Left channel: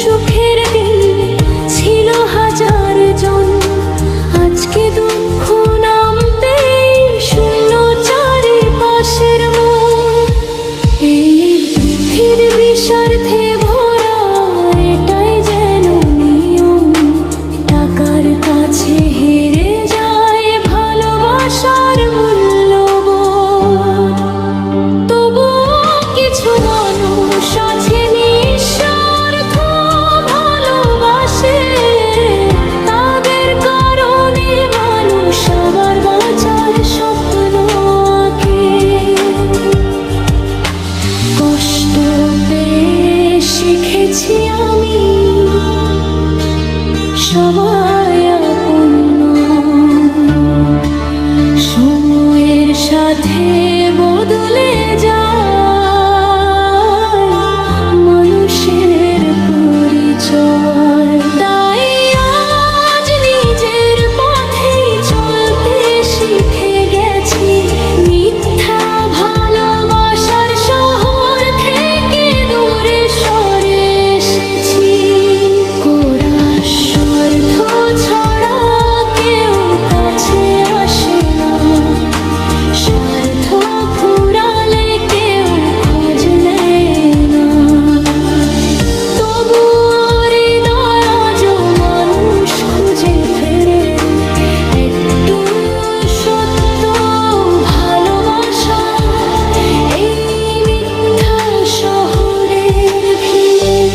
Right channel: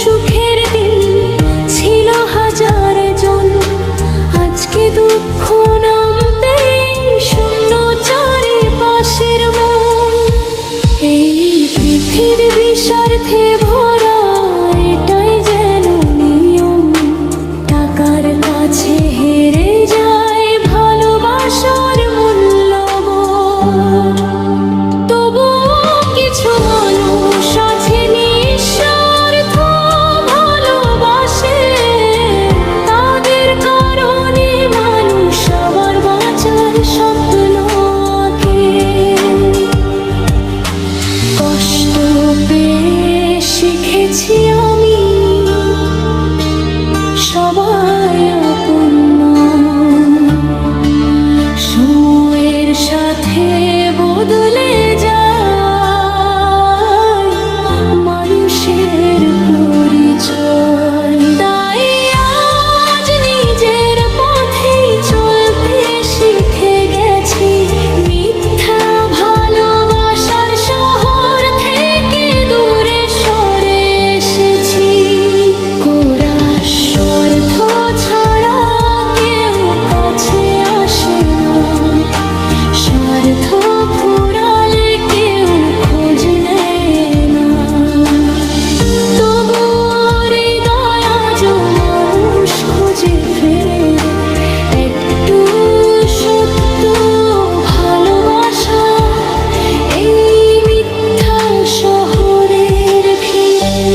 সুখের দিন ছিল হাজার জন, আজকে দুঃখ নামতে শূন্য চারিপাশের মন। এই পৃথিবী স্বার্থে ভরা, এটাই যেন নিয়ম। টাকার কাছে হেরে যায় ভালোবাসার মূল্যবোধ। তবুও কিছু মানুষ আছে নিঃস্বার্থ ভালোবাসে, তাদের কারণে মানুষ আবার বাঁচার স্বপ্ন আঁকে। কষ্ট পেয়ে শিখেছি আমি, সবাই আপন নয়। সময়ের সাথে বদলে যায় মানুষের পরিচয়। তাই আজ নিজের পথেই চলতে শিখে গেছি, মিথ্যা ভালোবাসার শহর থেকে দূরে সরে এসেছি। কোরা স্বার্থ ছাড়া কেউ কাছে আসে না, স্বার্থ ফুরালে কেউ খোঁজ নেয় না। তবু হৃদয় আজও মানুষ খুঁজে ফেরে একটু সত্য ভালোবাসা এই মিথ্যা শহরের ভিড়ে।